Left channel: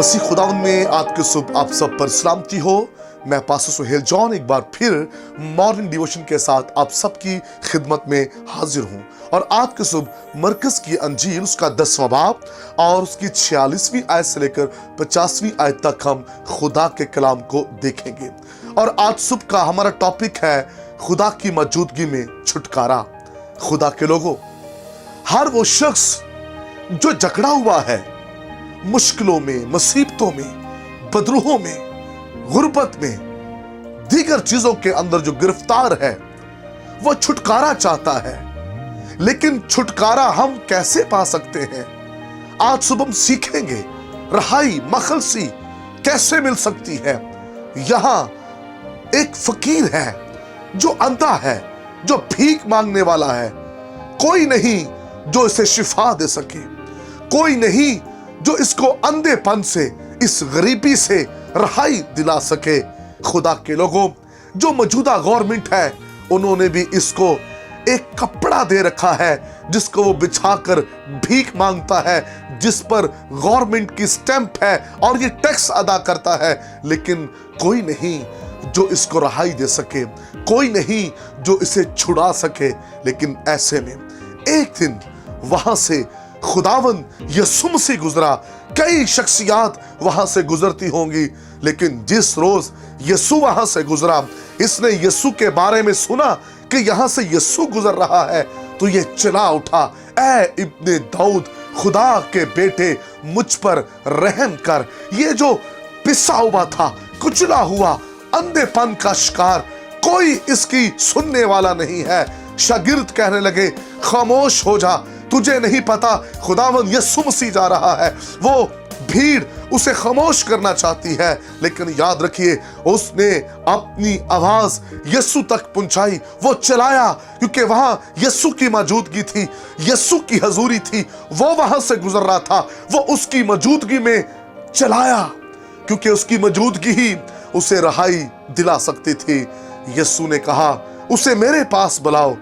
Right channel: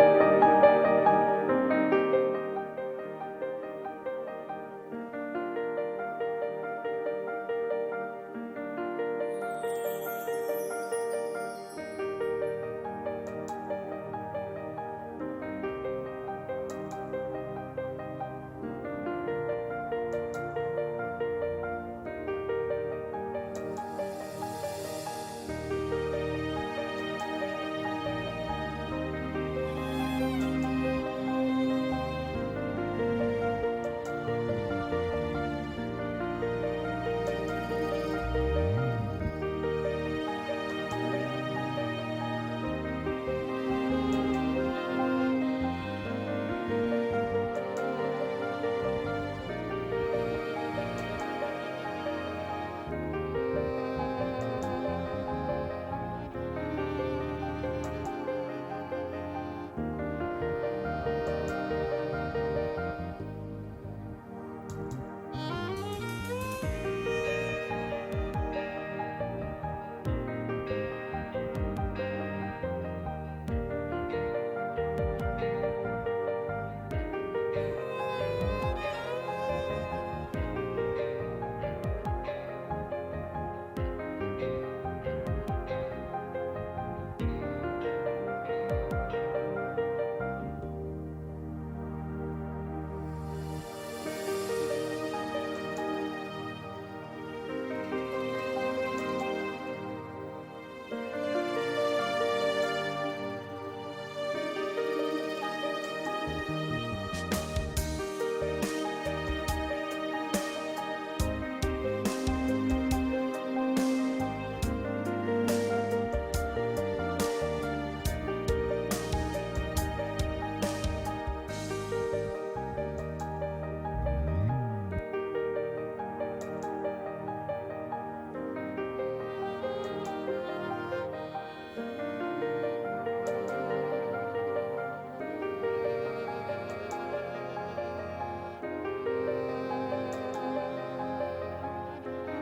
मसीह खुदावन में आज के सुबह आप सब पर सलामती हो। मैं पास्टर सुहेल जॉन एक बार फिर मॉर्निंग डिवोशन के साथ आप सबकी खिदमत में हाजिर हूँ। और आज के सुबह मरकज की अंजील उसका 10वां बाब और उसकी 46वीं आयत से लेकर 50वीं आयत तक हम खुदा के कलाम को देखेंगे। और आज सुबह का हमारा टॉपिक है खुदा की मौजूदगी में छुटकारा। खुदा के लोगों, हर वो शख्स जो जकड़ा हुआ है मुश्किलों में, मुसीबतों में, बदरूहों में, गुर्बत में, दीगर चीजों के अंदर जो गिरफ्तार है, वो छुटकारा चाहता है। लेकिन छुटकारा हम कैसे पा सकते हैं? आज सुबह हम सीखेंगे रहाई, मखलसी कैसे मिल सकती है। यहां एक फकीर है जो अंधा है, जो भीख मांगने वाला है। कोई नहीं जो इसे शिफा दे सके, कोई नहीं जो इसको अंधेपन से, इस गरीबी से रहाई दिला सके। खुदा के लोगों, जो मौजूदा गवर्नमेंट है उन्होंने भी इसको एक कपड़ा दे रखा है जिसको वो बिछाकर भीख मांगता है, जिस पर गवर्नमेंट की स्टैंप है और ये टैक्स अदा करता है। लेकिन कोई नहीं जो इसको रहाई दे सके, कोई नहीं जो इसे छुड़ा सके। लेकिन ऐसे में एक दिन वहां से खुदावन यीशु मसीह गुजरा। कई शख्सियात वहां से गुजरती होंगी, लेकिन जिस रोज यीशु वहां से गुजरा, इसने यीशु के बारे में सुना कि यहां से यीशु गुजर रहा है, तो ये चिल्ला उठा, ऐ इब्ने दाऊद, खुदा के बेटे, मुझ पर रहम कर। ये जो पिसा हुआ था, कुचला हुआ, अंधेपन का शिकार, कोई इसकी सुनने वाला नहीं है। शागिर्द कहने लगे, खामोश हो जा, तुझे नहीं पता खुदावन यीशु मसीह जा रहा है। वो भीड़ उसे खामोश करना चाहती है, लेकिन याद रखिए उसने अपनी आवाज यीशु तक पहुंचाई। वो चलाया क्योंकि वहां यीशु की मौजूदगी थी, यीशु की हजूरी थी। वो वहां से गुजर रहा था, वो उसकी मौजूदगी में चलाया क्योंकि उसकी मौजूदगी ही उसे रहाई दिला सकती थी। यीशु ने कहा, उसे मेरे पास बुलाओ।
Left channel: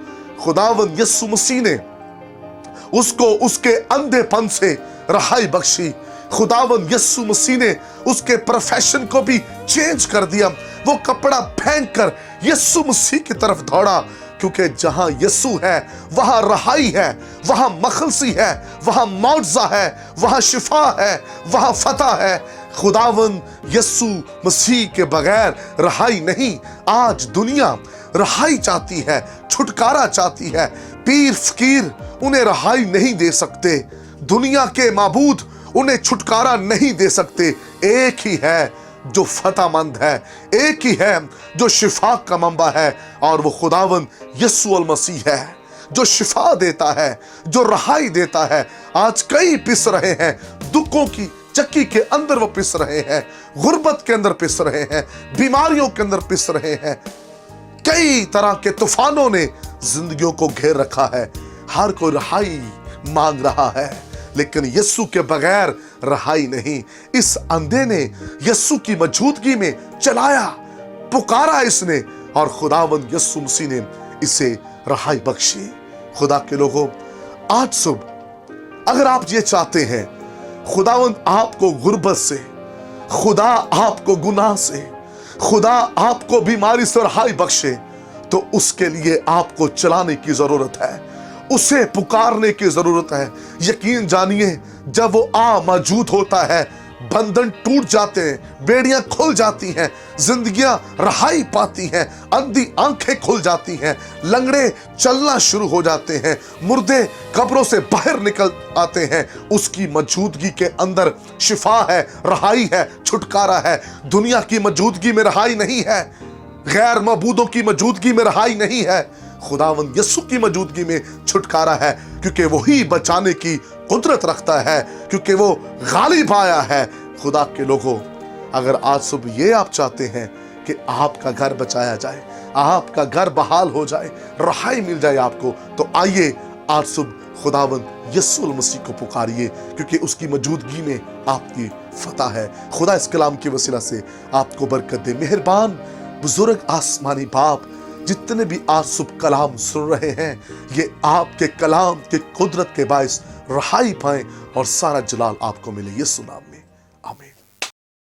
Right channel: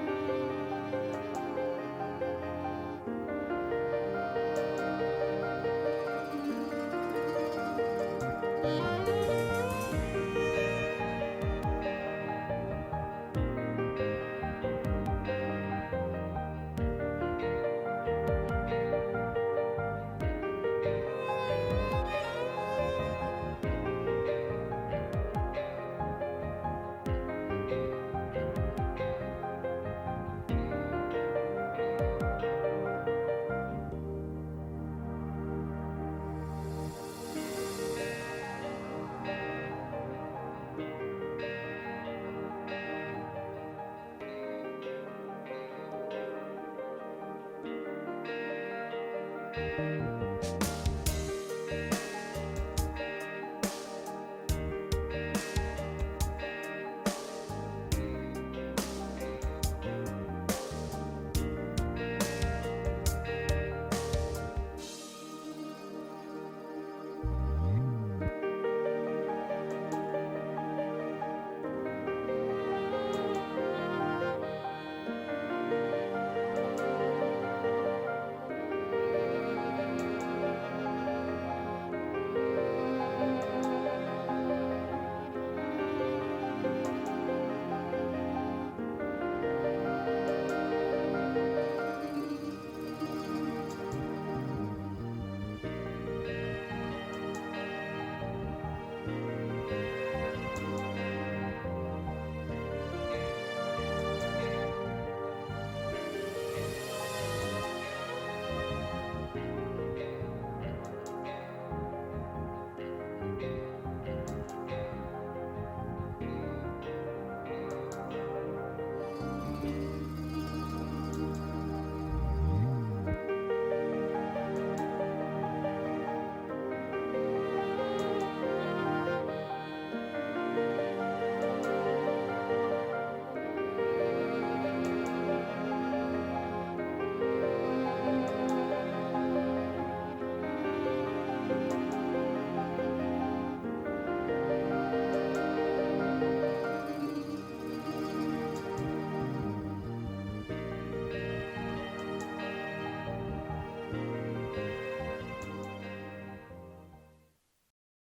खुदावन यीशु मसीह ने उसको उसके अंधेपन से रहाई बख्शी। खुदावन यीशु मसीह ने उसके प्रोफेशन को भी चेंज कर दिया। वो कपड़ा फेंक कर यीशु मसीह की तरफ दौड़ा, क्योंकि जहां यीशु है वहां रहाई है, वहां मखलसी है, वहां मुआवजा है, वहां शिफा है, वहां फतह है। खुदावन यीशु मसीह के बगैर रहाई नहीं। आज दुनिया रहाई चाहती है, छुटकारा चाहती है। पीर फकीर उन्हें रहाई नहीं दे सकते, दुनिया के माबूद उन्हें छुटकारा नहीं दे सकते। एक ही है जो फतहमंद है, एक ही है जो शिफा का मंबा है, और वो खुदावन यीशु अल मसीह है जो शिफा देता है, जो रहाई देता है। आज कई पिस रहे हैं, दुखों की चक्की के अंदर वो पिस रहे हैं, गुर्बत के अंदर पिस रहे हैं, बीमारियों के अंदर पिस रहे हैं। कई तरह के तूफानों ने जिंदगियों को घेर रखा है। हर कोई रहाई मांग रहा है, लेकिन यीशु के बगैर रहाई नहीं। इस अंधे ने यीशु की मौजूदगी में चलाया, पुकारा इसने, और खुदावंद यीशु मसीह ने इसे रहाई बख्शी। खुदा के लोगों, आज सुबह अगर आप ये चाहते हैं खुदावंद आपको गुर्बत से, खुदा आपको गुनाह से, खुदा आपको बीमारी से रहाई बख्शे, तो उसके लिए आपको चलाने की जरूरत है, उसे पुकारने की जरूरत है। यकीन जानिए, जब वो मौजूद होता है, बंधन टूट जाते हैं, बेड़ियां खुल जाती हैं, जिंदगियां रहाई पाती हैं, अंधी आंखें खुल जाती हैं, लंगड़े चलना शुरू हो जाते हैं, मुर्दे कब्रों से बाहर निकल आते हैं। उसकी मौजूदगी के अंदर शिफा है, रहाई है, छुटकारा है। दुनिया की मौजूदगी में रहाई नहीं है, गैर मबूदों की मौजूदगी में रहाई नहीं है। खुदावंद यीशु की मौजूदगी में छुटकारा है, क्योंकि वही बचाने की कुदरत रखता है, क्योंकि वो गालिब आया है। खुदा के लोगों, अगर आज सुबह ये आप चाहते हैं कि आपका घर बचाया जाए, आपका घर बहाल हो जाए, रहाई मिल जाए आपको, तो आइए आज सुबह खुदावंद यीशु मसीह को पुकारिए, क्योंकि उसकी मौजूदगी में आपकी फतह है। खुदा इस कलाम की वसीला से आपको बरकत दे। मेहरबान बुजुर्ग आसमानी बाप, जितने भी आज सुबह कलाम सुन रहे हैं, ये आपके कलाम के कुदरत के बायस रहाई पाए और सारा जलाल आपको मिले। यीशु नाम।